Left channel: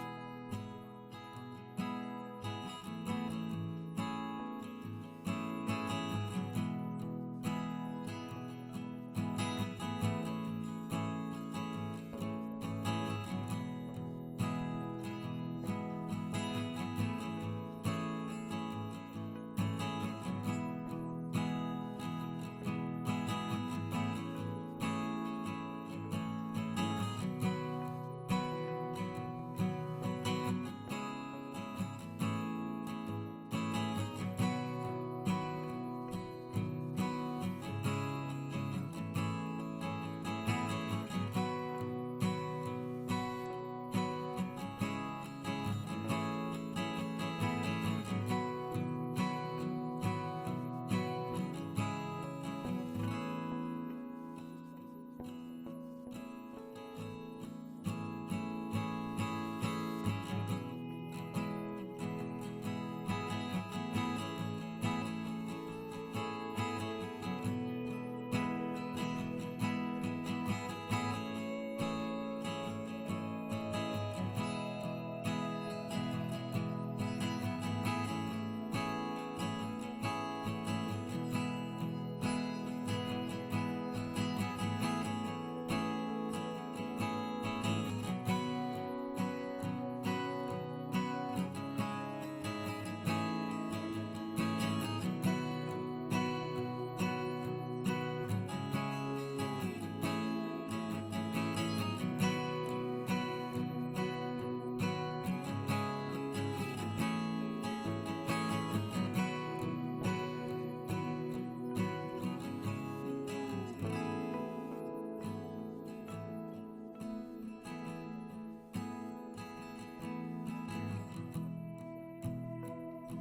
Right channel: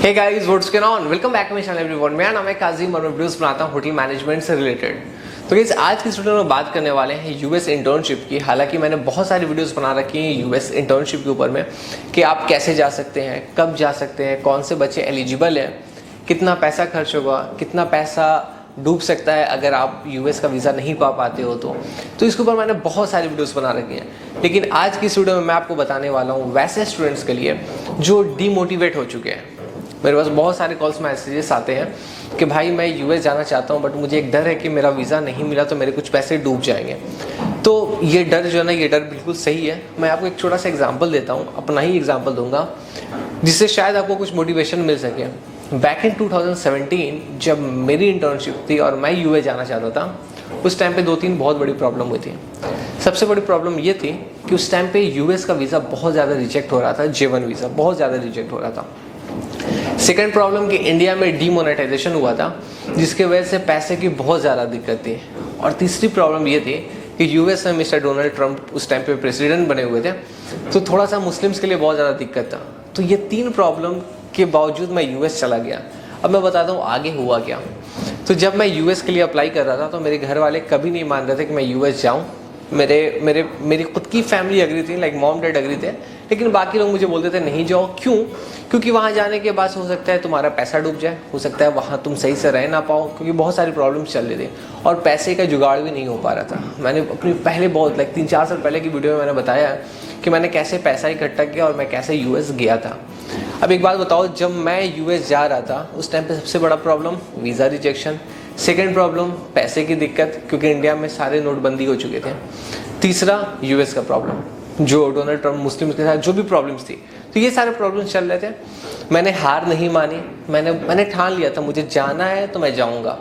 Hey guys what's going on, welcome back to my channel everyone. मेरा नाम है काजिम और मैं वीडियोस बनाता हूँ होटल मैनेजमेंट से रिलेटेड। तो गाइस आज की इस वीडियो में बात करने वाले हैं यूएस इंटर्नशिप की। हालांकि मैंने बहुत सारी वीडियोस बना रखी हैं यूएस इंटर्नशिप के ऊपर में कि आप कैसे जा सकते हैं, कब जा सकते हैं, कौन से बच्चे एलिजिबल हैं, कितना पैसा खर्च होगा, कितना पैसा डूब सकता है अगर आप यूएस का वीज़ा नहीं पा पाते हो तो इसके ऊपर मैंने बहुत सारी वीडियोस बना रखी हैं। लेकिन आज की इस वीडियो में मैं आपको बताने वाला हूँ वैसे स्टूडेंट्स के लिए जो डीमोटिवेट हो चुके हैं। मेरे पास बहुत सारे कॉल्स मैसेजेस आते हैं कि भाई मैं यूएस जाना चाहता हूँ बट मुझे एक डर है कि मेरा वीज़ा नहीं मिला तो मेरे कुछ पैसे डूब जाएंगे। तो ये डर जो है ना, ये डर बिल्कुल सही है। मैं आपको एक छोटा सा एग्जांपल देता हूँ, अपना ही एग्जांपल दूंगा जिससे शायद आपको कुछ मोटिवेशन मिल सके। बैक इन 2017 जब मेरी इंटर्नशिप थी और मैं यूएस जाना चाहता था, उस टाइम पे 2-3 बहुत बड़ी प्रॉब्लम हुई थी। सबसे बड़ी प्रॉब्लम ये थी कि उस टाइम पे यूएस का वीज़ा बहुत ज़्यादा रिजेक्ट हो रहा था, J1 वीज़ा बहुत ज़्यादा रिजेक्ट हो रहा था। सेकेंड प्रॉब्लम कि इंडिया में डीमोनेटाइजेशन हुआ था जिसकी वजह से पैसे की बहुत ज़्यादा दिक्कत थी। और तीसरी प्रॉब्लम ये थी कि यूएस में मिस्टर डोनाल्ड ट्रंप उस टाइम पे प्रेसिडेंट बने हुए थे, तो थोड़ा सा मुस्लिम्स के लिए बहुत ज़्यादा दिक्कत था। तो ये 3 प्रॉब्लम के बावजूद मैं यूएस चला गया। अब मैं बताता हूँ आगे हुआ क्या। तो जब मैं यूएस के लिए अप्लाई कर रहा था तो मेरे घर वाले कभी नहीं मान रहे थे कि मैं यूएस जाऊँ। मेरी खुद की फैमिली अग्री थी, लाइक मॉम डैड अग्री थे, लेकिन बाकी लोग मुझे बोलते थे नहीं जाओ। क्यों? क्योंकि वहाँ जाने के बाद हो सकता है तुम्हारा पैसा डूब जाए, हो सकता है वहाँ तुम सही से रह ना पाओ, क्योंकि बहुत सारी प्रॉब्लम्स चल रही थी और पैसे का जुगाड़ भी नहीं हो पा रहा था। मैंने अपनी पहले बहुत 3-4 साल पहले की वीडियो में मैंने बताया कि मैंने कैसे पैसा इकट्ठा किया और मैं कैसे यूएस गया था। अब एक बात बताओ, जब मैं यूएस जा रहा था उस टाइम पे सबसे बड़ा problem visa rejection, second problem पैसे की दिक्कत क्योंकि इंडिया में सारे नोटबंदी हो चुके थे, तीसरा यूएस का प्रॉब्लम जो डोनाल्ड ट्रंप मुस्लिम्स के साथ जो भी प्रॉब्लम्स थी। तो ये सारे प्रॉब्लम्स चल रहे थे। मैंने हार नहीं मानी, मैंने ठान लिया था मुझे जाना है तो मैं जाऊंगा।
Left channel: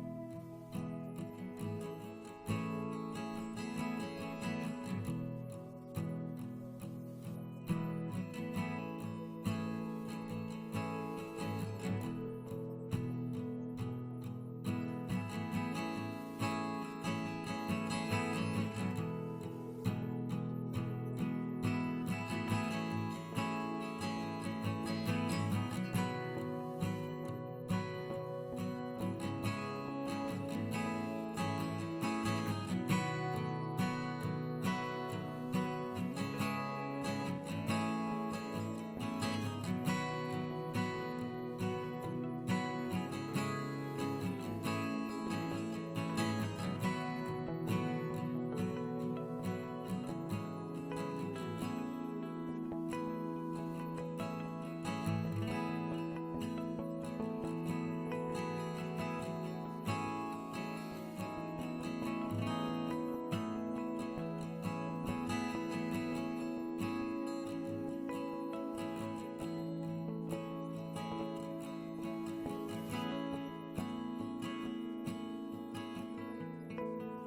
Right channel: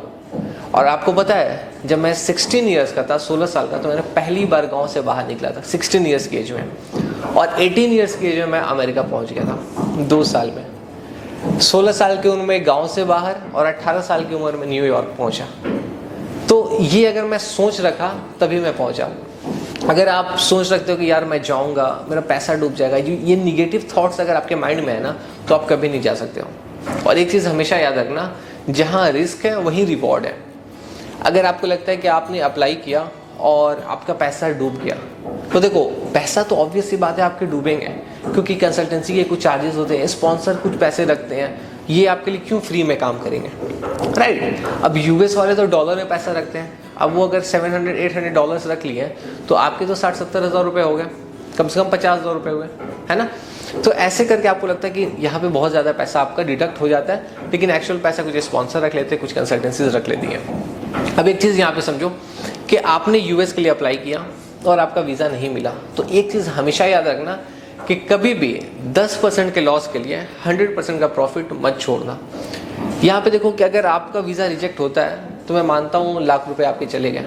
और आपको पता है जब मैं 16 ईयर्स का था, 16 साल का, तो मैंने पहली बार गांव से बाहर निकला था 16 ईयर्स की एज में। और 18 ईयर्स की एज में मैं अमेरिका पहुंच गया था 2 साल में। 16 साल की उम्र में गाँव से बाहर और 18 साल की उम्र में न्यूयॉर्क पहुँचा। तो ये अगर मैं सोच रखा तभी मैं पहुँचा। अगर आप सोच रखते हो कि यार मैं जाऊंगा मेरा पैसा डूब जाएगा, ये निगेटिव थॉट्स अगर आपके माइंड में है ना, तो आप कभी नहीं जा सकते हो। और एक चीज़ हमेशा याद रखना, जहाँ रिस्क है वहीं रिवॉर्ड है। अगर आपको लगता है कि आपने अप्लाई किया और आपका पैसा डूब गया, तो देखो पैसा तो ऑब्वियस सी बात है आपके डूबेंगे, क्योंकि कंसल्टेंसी के कुछ चार्जेस होते हैं, स्पॉन्सर कुछ पैसे रखते हैं, ये आपके लिए क्यों फ्री में काम करेंगे, राइट? अब यूएस वाले तो डॉलर में पैसा रखते हैं। अब वो अगर $700-800 डॉलर्स रख लिए तो आपके तो 60-70 हज़ार रुपये हो गए, कम से कम 50,000 रुपये हुए, है ना? तो ऐसे करके आपको लगता है कि यहाँ पे बहुत ज़्यादा पैसा आपका डिडक्ट हो जाता है, लेकिन एक्चुअल पैसा कुछ स्पॉन्सर रख लेते हैं, कुछ कंसल्टेंसीज रख लेती हैं। अब एक चीज़ यहाँ पे समझो कि आपने यूएस के लिए अप्लाई किया और आपका वीज़ा नहीं मिला, तो एक चीज़ हमेशा याद रखना कि कभी भी 10% के लॉस के लिए 100% का प्रॉफिट मत छोड़ना। यहाँ पे देखो कि अगर आपका वीज़ा रिजेक्ट होता है तो मैं मानता हूँ लाख रुपए आपके चले गए,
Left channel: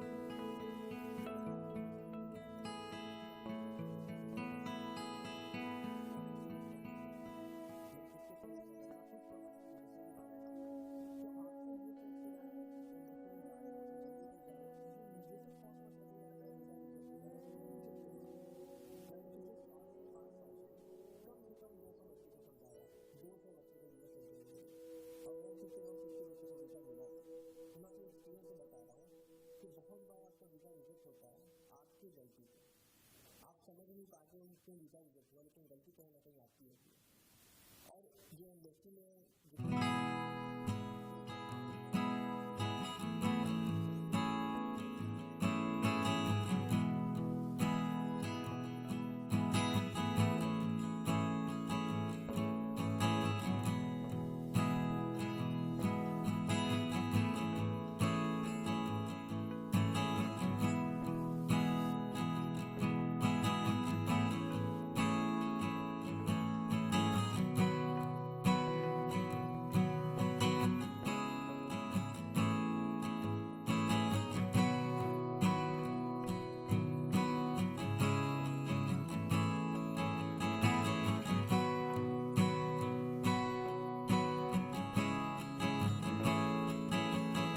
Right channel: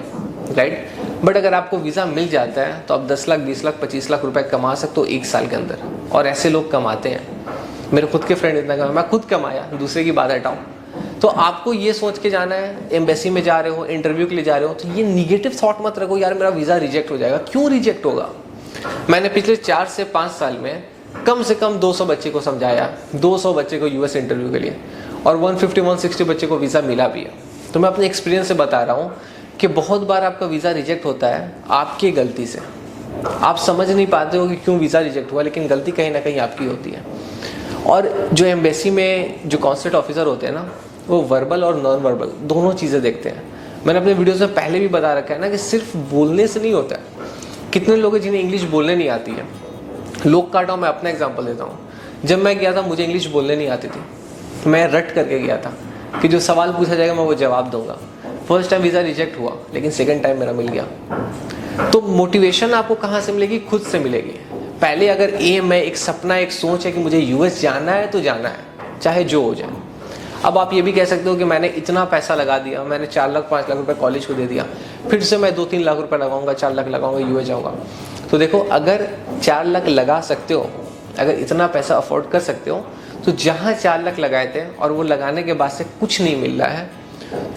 राइट? बट अगर आपको वीज़ा मिल जाता है तो आप 10 लाख, 20 लाख, 25 लाख रुपए कमा सकते हो 1 साल के अंदर। और ऐसे लोग कमाते हैं, मेरे खुद के फ्रेंड इतना कमाए, मैं खुद कमाया, दूसरे की बात हटाऊँ। तो आपको ये सोच के जाना है, एम्बेसी में जा रहे हो, इंटरव्यू के लिए जा रहे हो, तो ये निगेटिव थॉट मत रखो यार मेरा वीज़ा रिजेक्ट हो जाएगा। क्यों रिजेक्ट होगा? मैंने पिछले 4 से 5 साल में कम से कम 200 बच्चे को समझाया, 200 बच्चे को यूएस इंटरव्यू के लिए, और 150-160 बच्चे को वीज़ा मिला भी है। तो मैं अपने एक्सपीरियंस से बता रहा हूँ कि बहुत बार आपका वीज़ा रिजेक्ट होता है आपकी गलती से। आप समझ नहीं पाते हो कि क्यों वीज़ा रिजेक्ट हुआ, लेकिन गलती कहीं ना कहीं आपकी होती है। और जो एम्बेसी में जो कॉन्सुलेट ऑफिसर होते हैं ना, वो वर्बल और नॉन वर्बल दोनों चीज़ें देखते हैं। मैंने अपने वीडियोज़ में पहले भी बता रखा है ना कि सिर्फ बोलने से नहीं होता है। कितने लोग हैं जिन्हें इंग्लिश बोलने नहीं आती है। लोग काटा, मैं अपना एग्जांपल देता हूँ। जब मैं गया था मुझे इंग्लिश बोलने नहीं आती थी, मैं रट करके गया था कि जो सवाल पूछा जाएगा मैं वो जवाब दूंगा। फर्स्ट टाइम वीज़ा रिजेक्ट हुआ, लेकिन सेकंड टाइम मेरा मिल गया। तो मोटिवेशन आपको कहाँ से मिलेगी? खुद से मिलेगी। पहले अगर एम है, एक सपना, एक सोच है कि मुझे यूएस जाना है तो जाना है, चाहे जो हो जाए। अब आप ये भी कह सकते हो कि मैंने इतना पैसा लगा दिया, मैंने 4 लाख 5 लाख रुपए कॉलेज को दे दिया, फिर से मैं 2-3 लाख रुपए लगाऊंगा, 4 लाख लगाऊंगा, यूएस जाऊंगा। तो देखो अगर 4 लाख लगा सकते हो, अगर इतना पैसा अफोर्ड कर सकते हो, तो जहाँ 4 लाख लगाए थे और वो लगाने के बाद से कुछ नहीं मिल रहा है,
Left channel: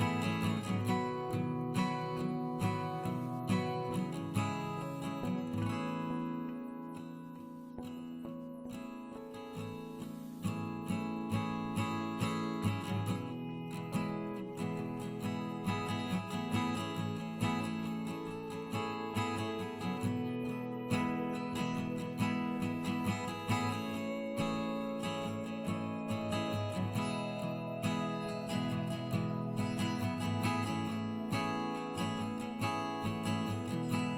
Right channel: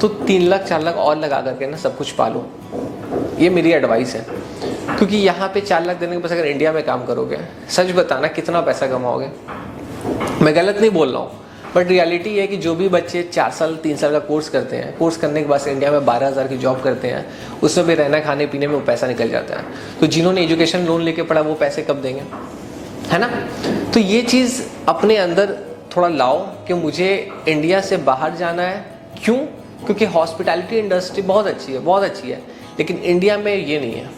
तो 3 लाख 4 लाख और लगा करके ना सब कुछ पालो। ये मेरी एडवाइस है, क्योंकि यहाँ पे 4 लाख देने के बाद अगर इंडिया में काम करोगे, सच बताना कितना पैसा कमाओगे। मैं गलत नहीं बोल रहा हूँ, बट रियलिटी है कि जो भी बच्चे 4 साल 3 साल का कोर्स करते हैं, कोर्स करने के बाद इंडिया में 12,000 की जॉब करते हैं, उसमें भी रहना खाने पीने में वो पैसा निकल जाता है। तो जिन्होंने एजुकेशन लोन लेके पढ़ा वो पैसे कब देंगे, है ना। तो ये चीज़ अपने अंदर थोड़ा लाओ कि मुझे इंडिया से बाहर जाना है। क्यों? क्योंकि हॉस्पिटैलिटी इंडस्ट्री बहुत अच्छी है, बहुत अच्छी है, लेकिन इंडिया में ये नहीं है।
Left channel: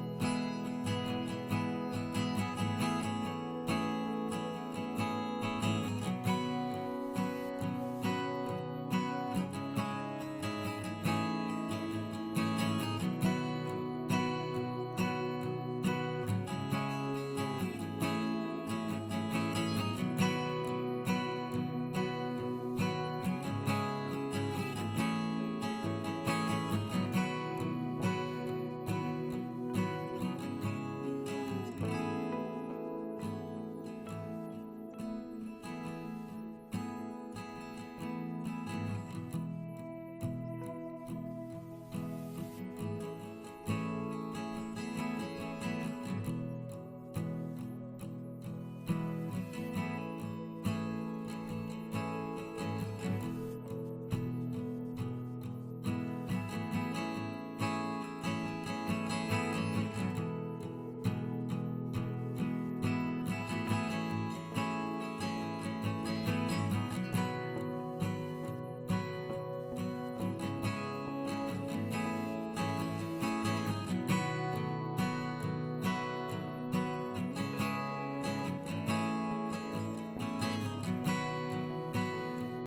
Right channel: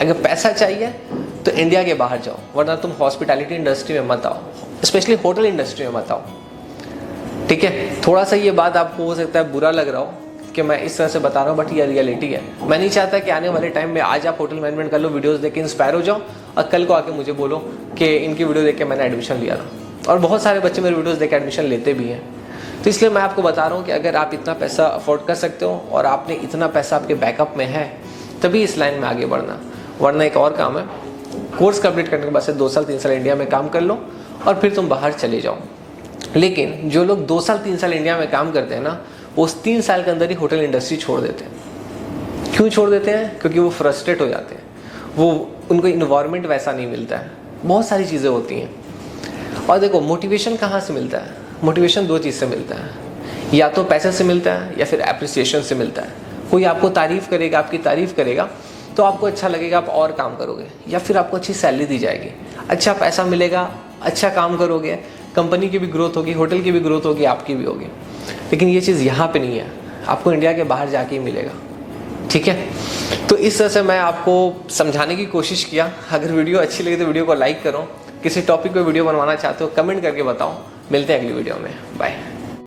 अगर पैसा चाहिए तो इंडिया के बाहर जाओ, वरना तुम हॉस्पिटैलिटी इंडस्ट्री में मत आओ, स्पेशली होटल इंडस्ट्री में मत आओ, ठीक है। थोड़ा सा ये बात आपको हो सकता है बुरा लग रहा हो कि मैं इस तरह से बता रहा हूँ, बट ये रियलिटी है। मैं नहीं चाहता कि आने वाले टाइम में आज आप होटल मैनेजमेंट कर लो, वीडियोस देख के इंस्पायर हो जाओ और कल को आके मुझे बोलो कि इनकी वीडियो देख के मैंने एडमिशन लिया था। और बहुत सारे बच्चे मेरे वीडियोस देख के एडमिशन लेते भी हैं। तो इसलिए मैं आपको बता रहा हूँ कि अगर आप इतना पैसा अफोर्ड कर सकते हो और आपने इतना पैसा आपके बैकअप में है, तभी इस लाइन में आगे बढ़ना। वरना एक और काम है, कोर्स कंप्लीट करने के बाद से 2 साल 3 साल इंडिया में काम कर लो और फिर तुम बाहर चले जाओ। लेकिन जो लोग 2 साल 3 साल इंडिया में काम करते हैं ना, वो उस 3 साल के अंदर ही होटल इंडस्ट्री छोड़ देते हैं। क्यों छोड़ देते हैं? क्योंकि वो फ्रस्ट्रेट हो जाते हैं, वो उनको इन्वायरमेंट वैसा नहीं मिलता है, बहुत सारी चीज़ें होती हैं। और देखो मोटिवेशन कहाँ से मिलता है? मोटिवेशन 2 चीज़ से मिलता है, या तो पैसे से मिलता है या फिर एप्रिसिएशन से मिलता है। कोई आपको तारीफ़ करेगा, आपकी तारीफ़ करेगा तो आपको अच्छा लगेगा, आप और काम करोगे, या फिर आपको अच्छी सैलरी दी जाएगी, अच्छा पैसा मिलेगा, अच्छा काम करोगे, कंपनी की भी ग्रोथ होगी, होटल की भी ग्रोथ होगी, आपकी भी होगी। लेकिन ये चीज़ यहाँ पे नहीं है, आपको इंडिया के बाहर जाके ही मिलेगा, ठीक है। तो इस तरह से मैं आपको समझाने की कोशिश किया। अगर वीडियो अच्छी लगी तो वीडियो को लाइक करो, किसी टॉपिक पे वीडियो बनवाना चाहते हो कमेंट करके बताओ। मिलते हैं अगली वीडियो में, बाय।